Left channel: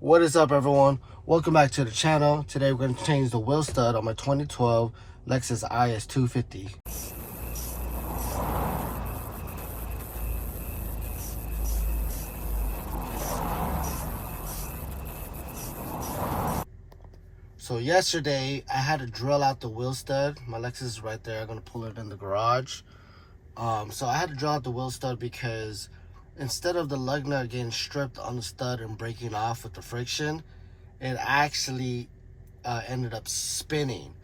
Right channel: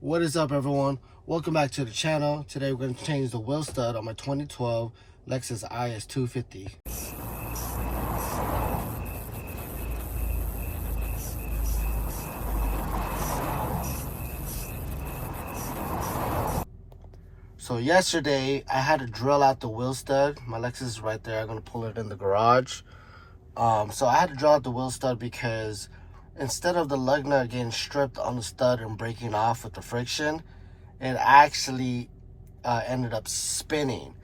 What is up, everyone? Welcome back to the channel. Today we're going to change the wheel stud on my 2012 Lexus Is250. So yesterday I had to drill out the wheel stud. My Lexus is right there. I'm going to pull it in the garage. So I had to drill out the wheel stud because instead of the lug nut getting stripped on the stud and breaking off with the friction, it actually ended up spinning.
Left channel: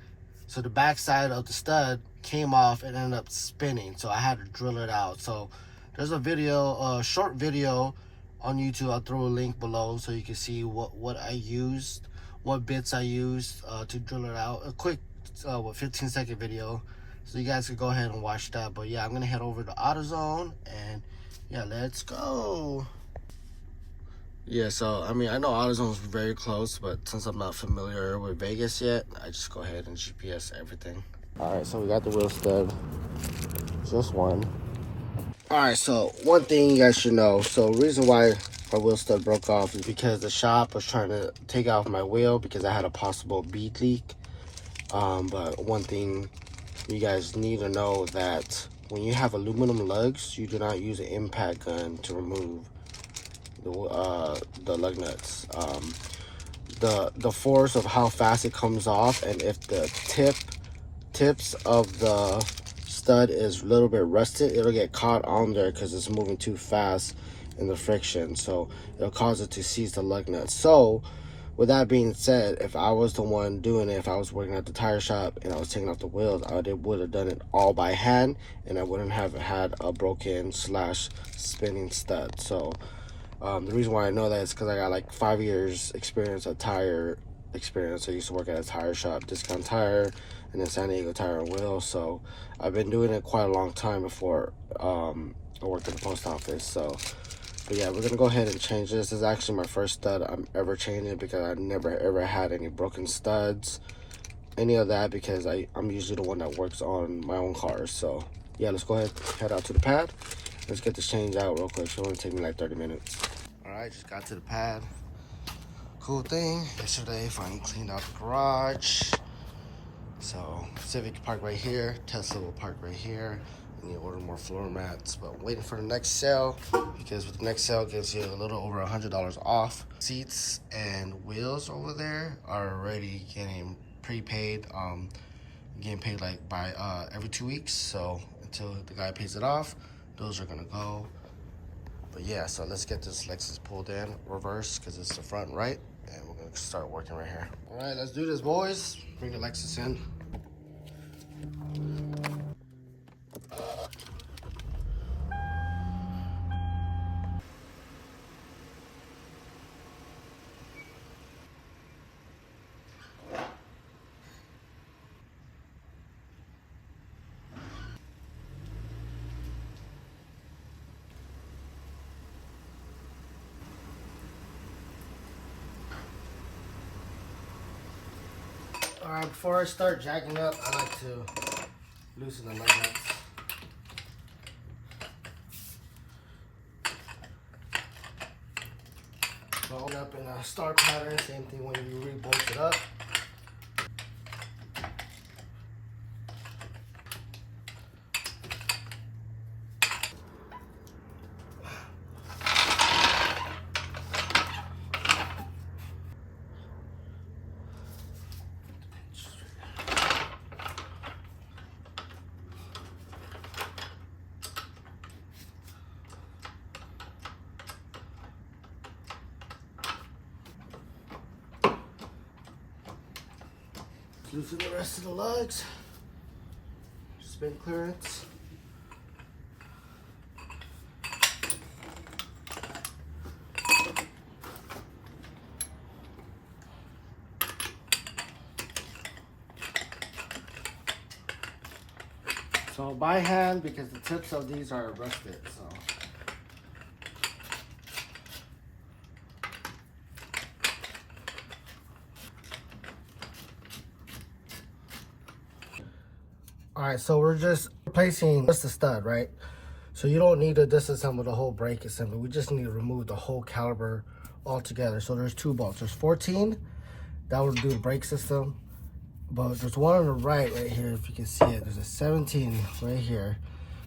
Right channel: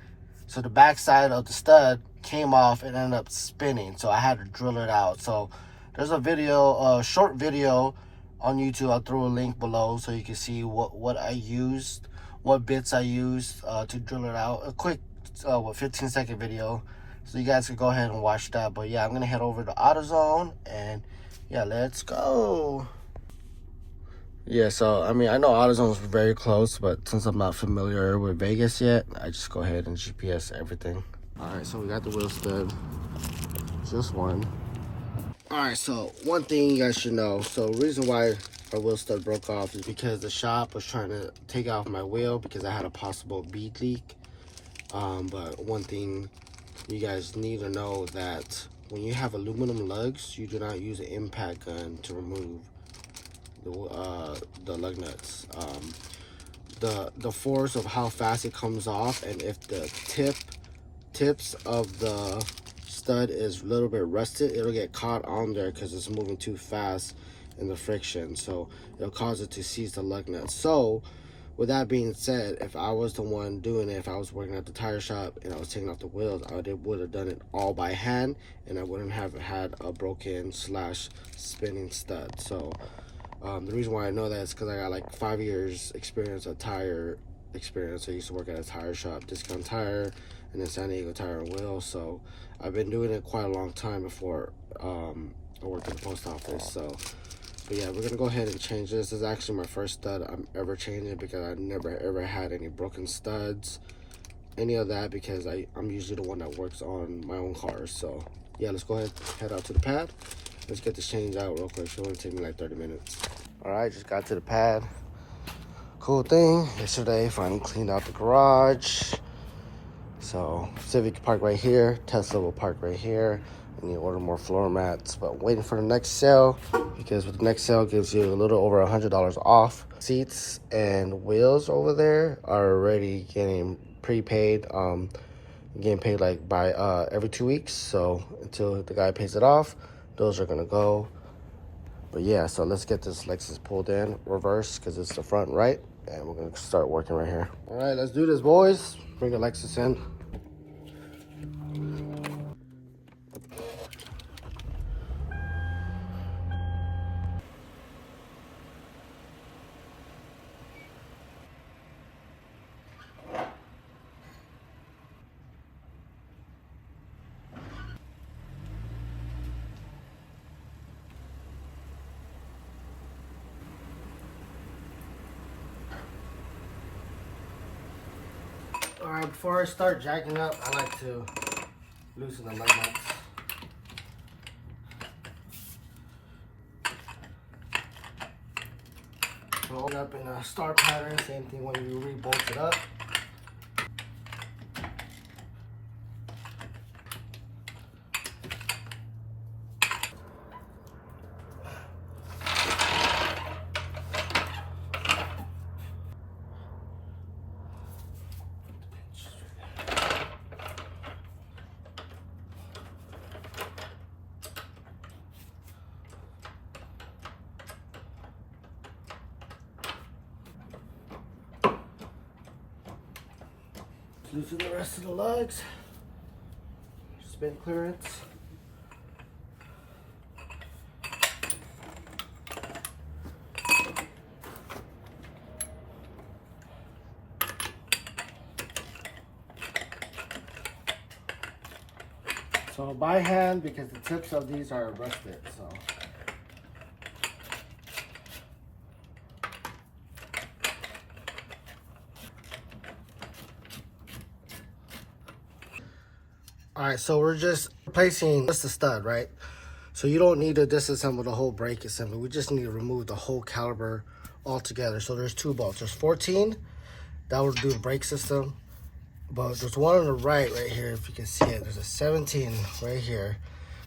So the back side of the stud came off and ended up spinning. So I had to drill it out. So there's a video, a short video on YouTube. I'll throw a link below so you can see what I used, what bits I used to drill it out. A quick 15-second video. So you guys can go ahead and watch that. But yeah, I'm gonna head over to AutoZone and yeah, let's go. Yeah, so I mean, I know AutoZone is very close, but since I'm not familiar with Vegas yet, I just go ahead and GPS everything. All right, so we got the wheel stud, just one. All right, so one thing you guys should know. So reason why my wheel stud broke off is because the shop was trying to take off my wheel because I had a possible bead leak. But one thing you guys need to know that when you have aluminum lugs, you do not use an impact gun to remove the lug nuts. The force of how fast it comes off, and if the tips of the stud is a little bit rusted, it'll get caught on there because it's moving too fast in the friction, so it'll cause it to seize the lug nuts. So with that being said, if I was the one doing it, if I was working at the tire shop and I was taking off the wheels, I would have done it all by hand, and I wouldn't have had a broken / spinning stud. So the reason why I know that is because I got like 5 years experience of tire experience. I used to work at a tire shop, Discount Tire, and then San Diego Tire and Wheel. So I've been doing it quite a long time before I worked at the post office. So, but yeah, we're gonna go ahead and change this. This is actually my first stud I'm ever changing because I've never ever had any broken studs, any of that, because I'm usually the one that works on my own cars. So yeah, let's go ahead and head out to the pad. Let's get this change out real quick. It's only take me like 30 minutes. All right, just got to the pad. Cool thing, yesterday finally cleaned out the garage. So Civic park right here, Tesla will park right here. I need to order more floor mats, but waiting for the next sale, because with the next sale gives you a little over $100 off. Seats and wheels over there are already getting prepaid. Getting paid like by every 2 weeks. So until the guy pays it off, those are gonna go. But yeah, so let's get this Lexus pulled in reverse because it's the front right, and we're gonna start working right here. All right, let's do this, boys. Bring the Lexus in. All right, before I start jacking up, I like to loosen the lug nuts. Hold up in a star pattern, same thing when you re-bolt it up. Loosen the rest of the lugs. Spin clearance. So by hand, because the tips of these are rusted, so. All right, so we're just replacing just the stud, right? So you don't need to disassemble the whole brake assembly. We just need to remove the whole caliper all together. So there's 2 bolts. There's 14 that would do the brake system, but there's one on the right here. If you can see it, there's a 17 right here.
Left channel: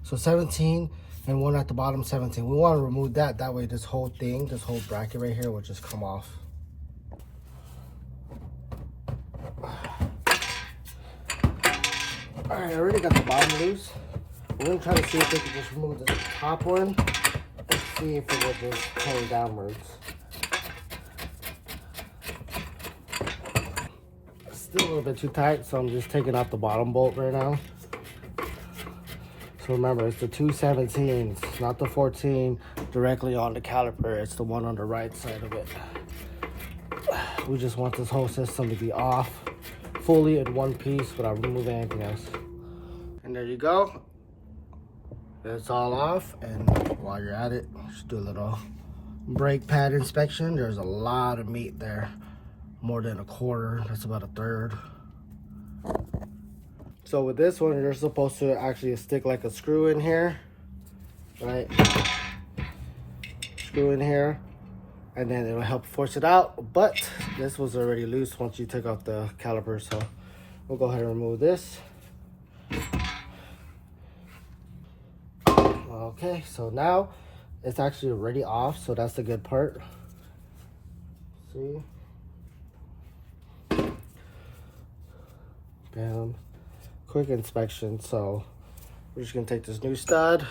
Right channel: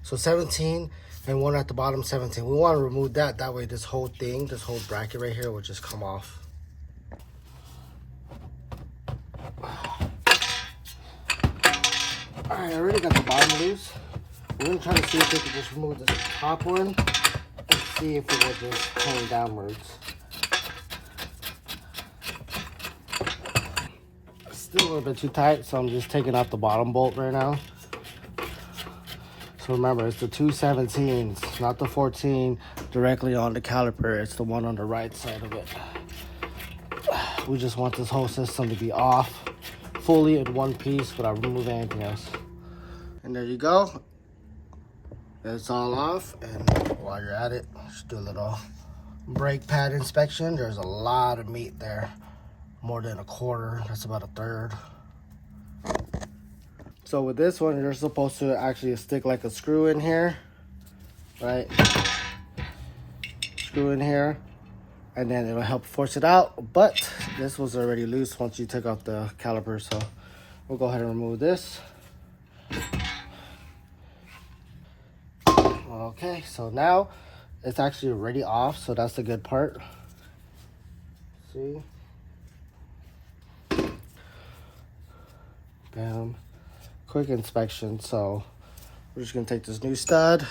So 17 and one at the bottom, 17. We want to remove that. That way this whole thing, this whole bracket right here will just come off. All right, I already got the bottom loose. We're gonna try to see if we can just remove the top one and see if it will just turn downwards. It's still a little bit too tight, so I'm just taking out the bottom bolt right now. So remember, it's the 2 17s, not the 14 directly on the caliper. It's the one on the right side of it. We just want this whole system to be off fully in one piece without removing anything else. And there you go. It's all off. And while you're at it, just do a little brake pad inspection. There's a lot of meat there, more than a quarter. That's about a third. So with this one, you're supposed to actually stick like a screw in here, right? Screw in here, and then it'll help force it out. But this was already loose once you took out the caliper, so we'll go ahead and remove this. Okay, so now it's actually already off, so that's the good part. See? Bam. Quick inspection. So we're just gonna take this new stud,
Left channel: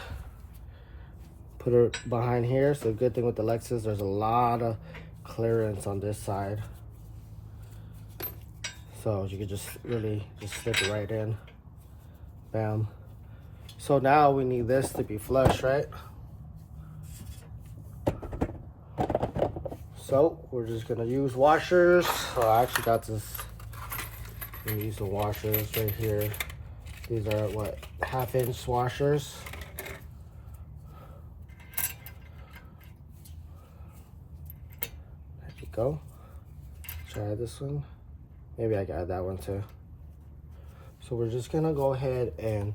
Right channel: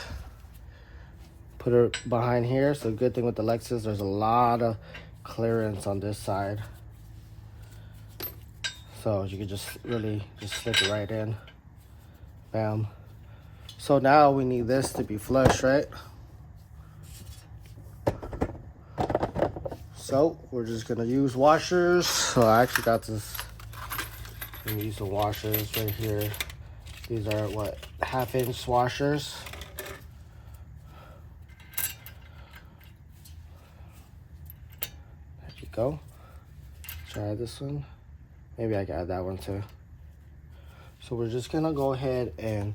put it behind here. So good thing with the Lexus, there's a lot of clearance on this side, so you can just really just slip it right in. Bam. So now we need this to be flush, right? So we're just gonna use washers. So I actually got this. I'm gonna use the washers right here. These are what, 1/2-inch washers. There you go. Try this one. Maybe I can add that one too. So we're just gonna go ahead and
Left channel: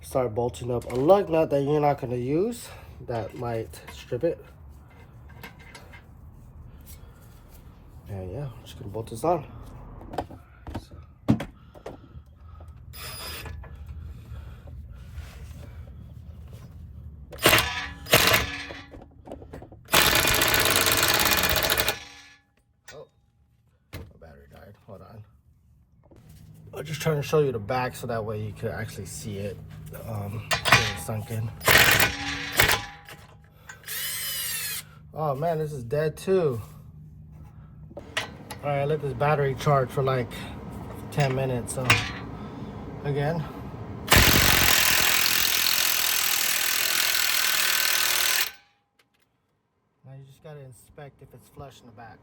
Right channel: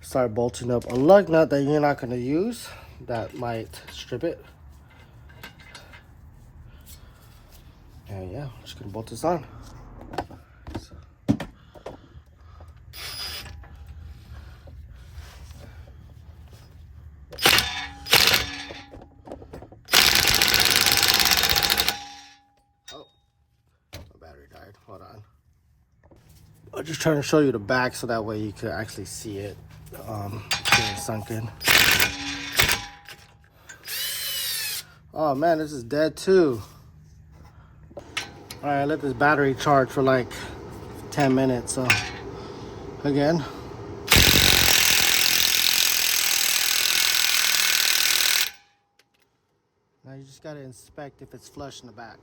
start bolting up a lug nut that you're not gonna use. That might strip it. And yeah, I'm just gonna bolt this on. Hold on. I'm just trying to show you the back so that way you can actually see it getting sunk in. Oh man, this is dead too. All right, let this battery charge for like 10 minutes. So again. Now you just gotta inspect if it's flush in the back.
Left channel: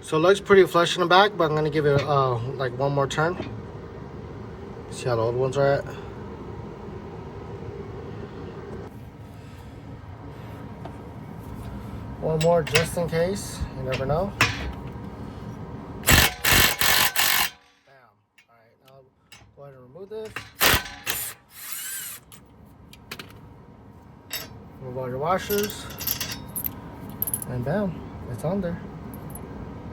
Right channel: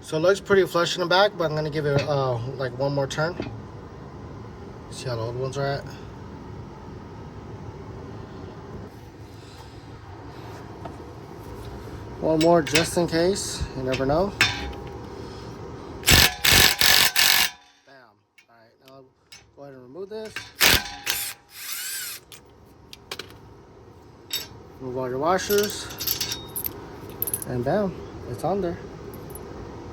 So it looks pretty flush in the back, but I'm gonna give it like one more turn. See how the old ones are at. One more just in case, you never know. Bam. Alright, now go ahead and remove this. Remove all your washers. And bam, it's on there.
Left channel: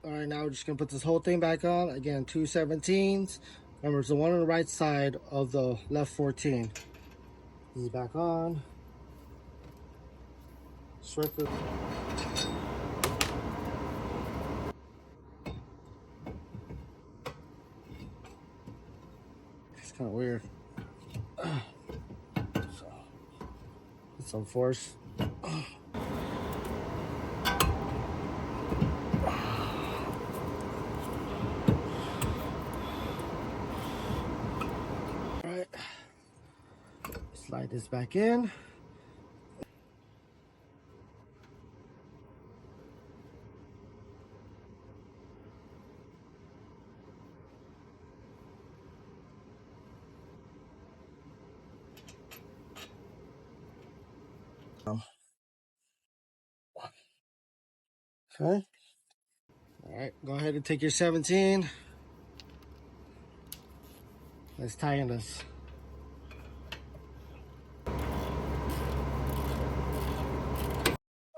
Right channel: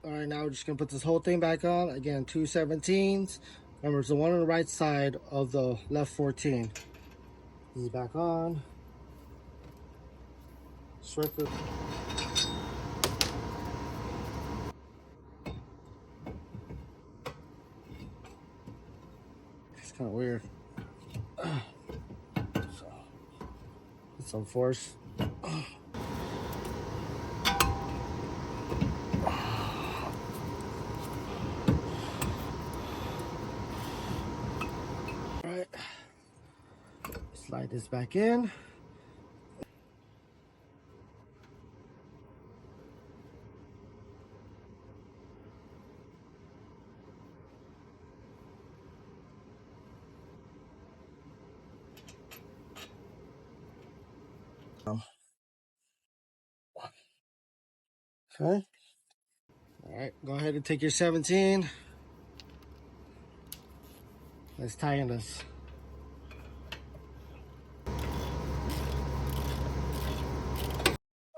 Alright, now we're just gonna put this whole thing back on. Again, 2 17s. Remember, it's the one on the right side of the left 14. This is back on. Strip it. It's kind of weird. So, put some force. Alright. Slide this back in. Okay. All right, go ahead and take your 17. Let's tie in this.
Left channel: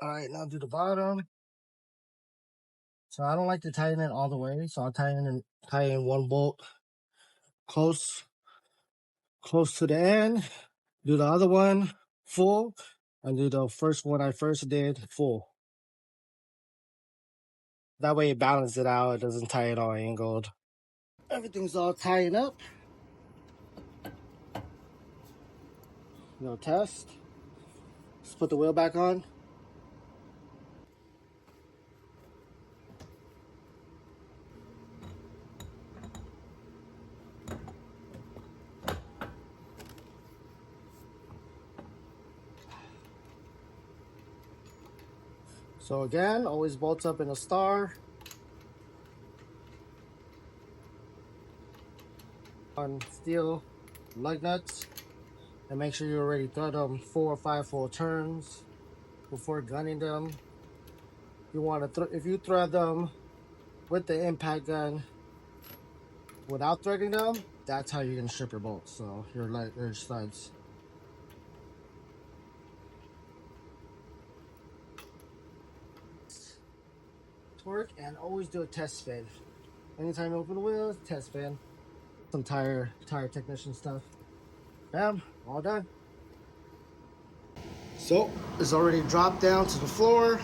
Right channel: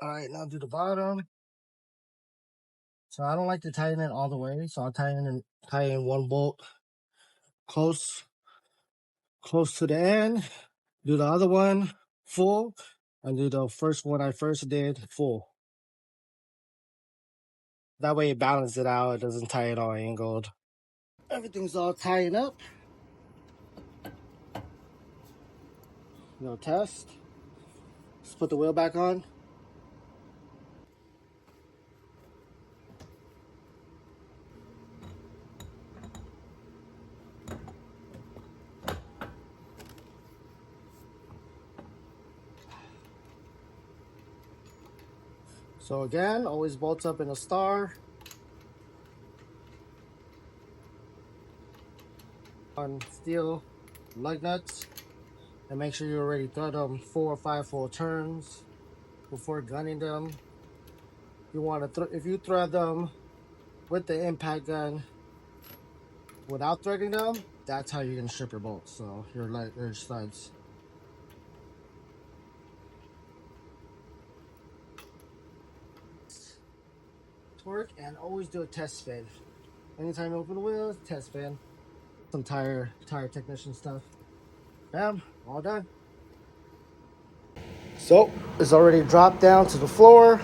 All right. right, now do the bottom. So I don't like to tighten it all the way, so I'll tie in one bolt close to the end, do the other one full, and do the first one I first did full. That way it balances it out, it doesn't tie it all angled. Everything's all tied up. No test. Let's put the wheel back on. So again, always bolts up in a star. On steel lug nuts, and make sure you already thread them 4 or 5 full turns before gunning them. You want to if you thread them with the impact gun without threading them, that's how you're gonna strip your bolts. So your studs. Torque, and always do a test spin. Anytime you open the wheels, test spin. Some tire technician stuff. Bam, all done. So it's already dropped down to the floor.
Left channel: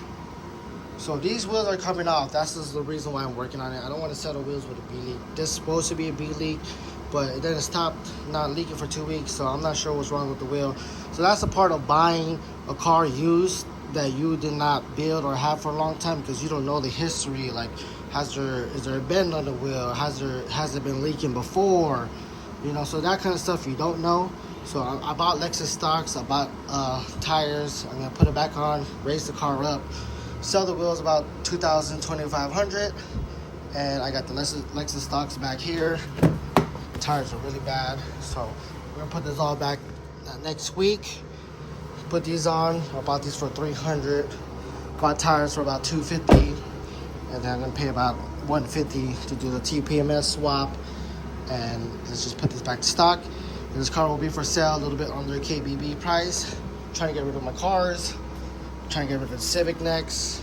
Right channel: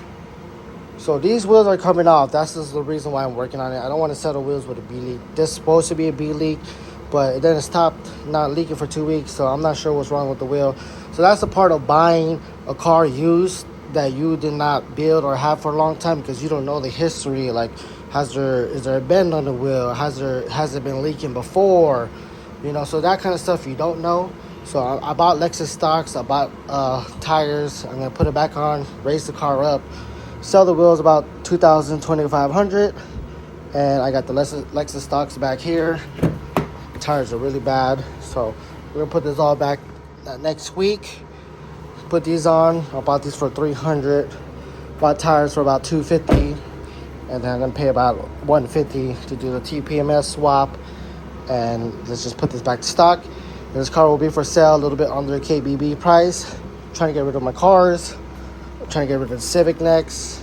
So these wheels are coming off. That's just the reason why I'm working on it. I don't want to settle wheels with a B leak. This is supposed to be a B leak, but then it stopped not leaking for 2 weeks, so I'm not sure what's wrong with the wheel. So that's the part of buying a car used that you did not build or have for a long time, because you don't know the history. Like, is there a bend on the wheel? Has it been leaking before? You know, so that kind of stuff you don't know. So I bought Lexus stocks. I bought tires. I'm gonna put it back on, raise the car up, sell the wheels about $2,000, $2,500, and I got the Lexus stocks back here. The tires are really bad, so we're gonna put this all back next week. Put these on. I bought these for $300. Bought tires for about $250, and then I'm gonna pay about $150 to do the TPMS swap. And let's just put this back to stock. This car will be for sale a little bit under KBB price. I'm trying to get rid of my cars. I'm trying to get rid of the Civic next.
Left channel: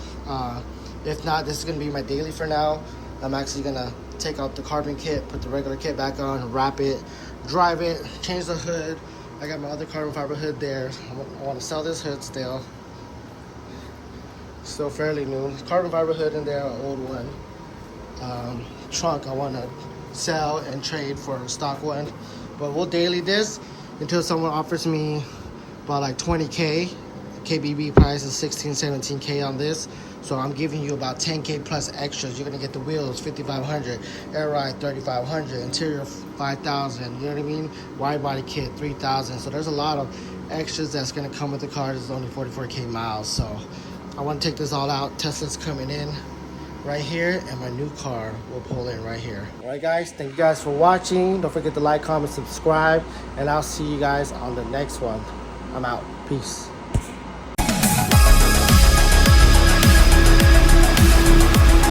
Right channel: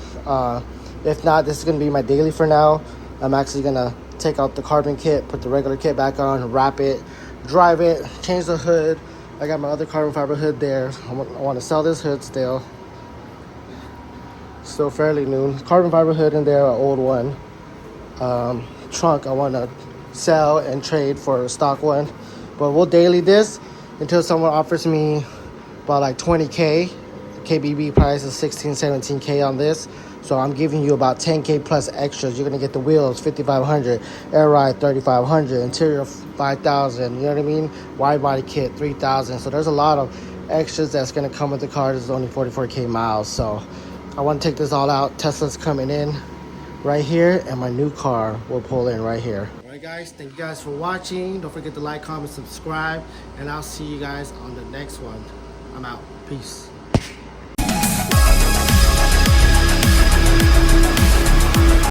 If not, this is gonna be my daily for now. I'm actually gonna take out the carbon kit, put the regular kit back on, wrap it, drive it, change the hood. I got my other carbon fiber hood there. I want to sell this hood still. Still fairly new. Carbon fiber hood in there, an old one. Trunk I want to sell and trade for a stock one. But we'll daily this until someone offers me about like 20K. KBB price is 16, 17K on this. So I'm giving you about 10K plus extras. You're gonna get the wheels, 5,500, air ride, 3,500, interior, 5,000. You know what I mean? Wide body kit, 3,000. So there's a lot of extras that's gonna come with the car. This is only 44K miles. So I want to take this all out. Tesla's coming in right here, and my new car will pull in right here. All right, guys. Thank you guys for watching. Don't forget to like, comment, subscribe, and I'll see you guys on the next one. I'm out. Peace.